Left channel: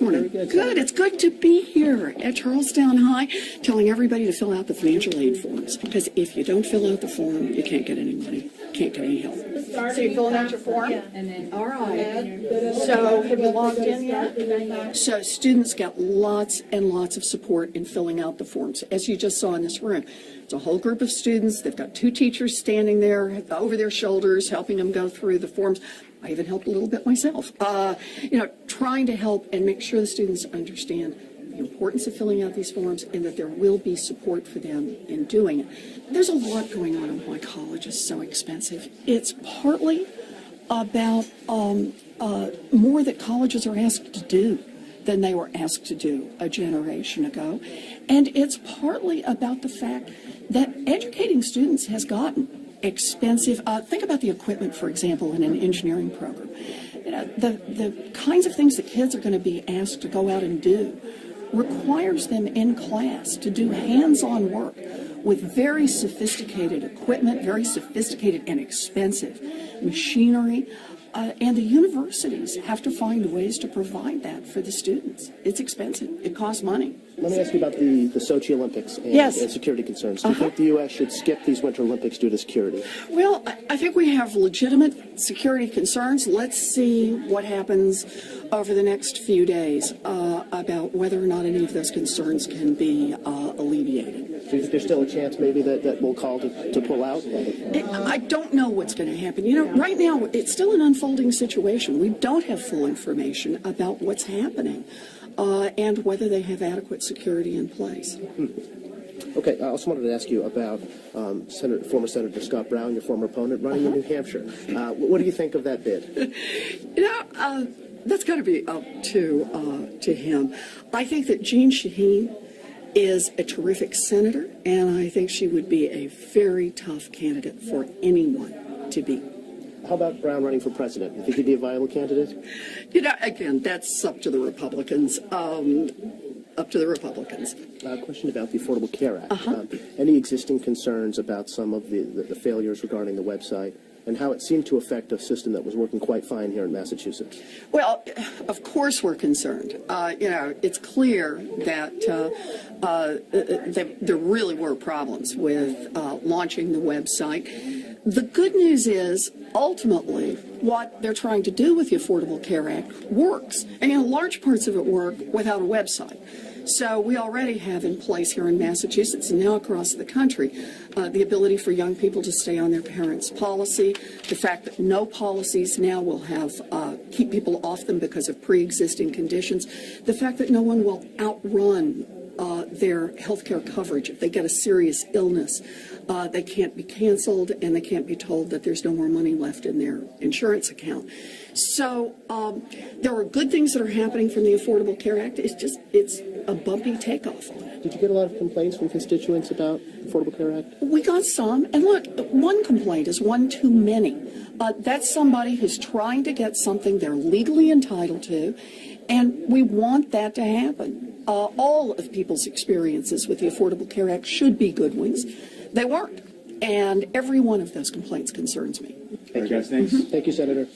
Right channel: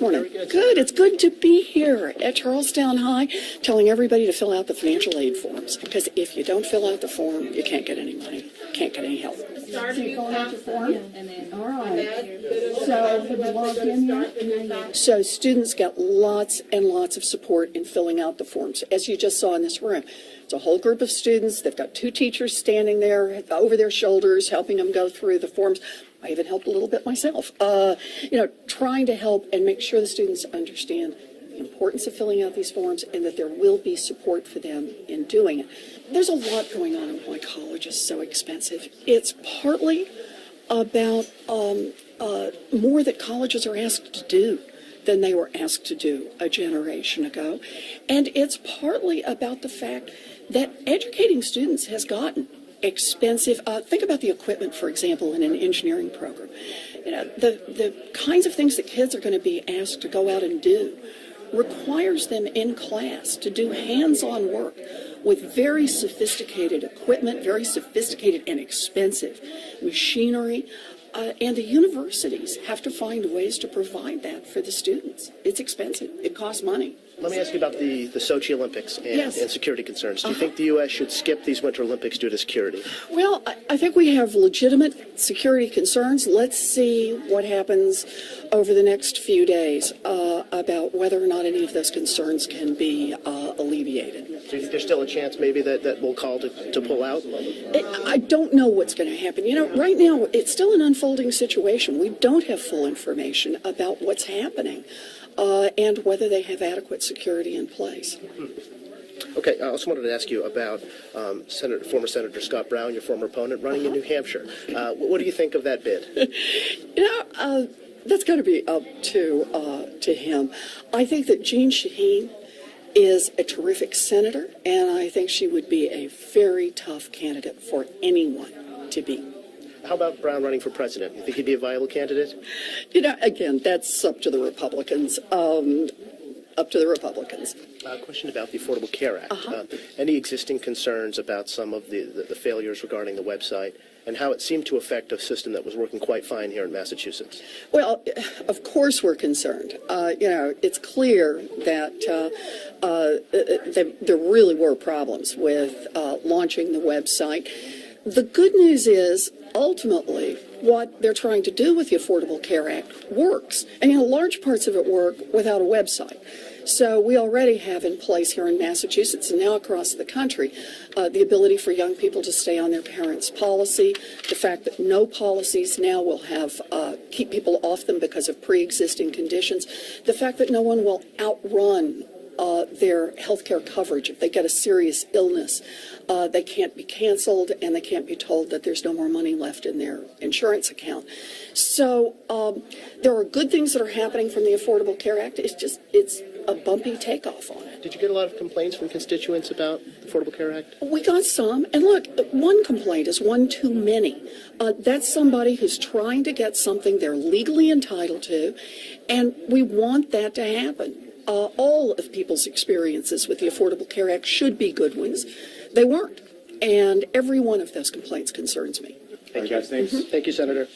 this morning? Very good. Good. It's good to be here at Charlestown High, telling everybody to fill out the financial aid forms. Because if you don't fill out the form, you can't get any money, can't get any help. So you fill out your form? All right. So have you logged in yet? So students get lots and lots of support in filling out the forms. As you just saw in this room, it's a whole group of students. They've got 2 teachers standing there over their shoulders, helping them go through the forms. I even helped a little bit myself, trying to help and make sure the students understand the importance of filling out these forms and that there will be support for them in doing it. There's a lot going on in why college is so expensive. It's partly about more that colleges are asked to do than they were asked to do a generation ago. And it's partly about the fact that educating students has gotten expensive. Think about the equipment, for example, in an engineering program. The kinds of things that kids are going to be asked to go out and do requires them in class to do hands-on work with very sophisticated equipment, very sophisticated and expensive machinery. And the universities have to find ways to provide that for the students. It's expensive. It costs money. Let me ask you about the Sochi Olympics and security concerns. Do you think the U.S. should skip these Winter Olympics due to security? Well, I think we have legitimate security concerns. Let's see what happens over the next few days about whether or not any of those concerns can be alleviated. Do you think there's still a chance maybe that we'll call to pull out? I don't know what's going to happen. Right now, it's still an unfolding situation. We don't have full information about what's happening and whether they have adequate security in place. Okay, I also wanted to ask you about former Senator Scott Brown, your former opponent, running in New Hampshire. What do you think of that bid? That's got to be up to him. I think that Jean Shaheen is a terrific senator, and I think she would be a very tough candidate for anyone to beat. How about Brown running for president? You think he'd be a viable candidate? Again, that's up to the Republicans. Question about the Affordable Care Act. Any existing concerns about some of the failures regarding the website and how it seemed to affect a system that was working quite fine here in Massachusetts? Well, of course we're concerned. It's clear that there really were problems with launching the website. The good news is, ultimately, what they're trying to do with the Affordable Care Act works. And large parts of it work without a website. So we already have in place here in Massachusetts and now across the country the ability for young people to stay on their parents' policy, the fact that no policies now will have keep people off them because of pre-existing conditions, the fact that no one will outrun their health care coverage. If they get a serious illness, they can't be canceled and they can't be told that there's no more money left in their insurance account. So there are good things that are happening from the Affordable Care Act. It's a bumpy takeoff on it. Did you get a lot of complaints from constituents about the Affordable Care Act? We got some. And look, one complaint is one too many. That's somebody who's trying to get something they're legally entitled to, and we want that to happen. All of people's experiences with the Affordable Care Act should be good ones. They weren't. And every one of those complaints concerns me. Thank you. Thanks. Thank you, Senator.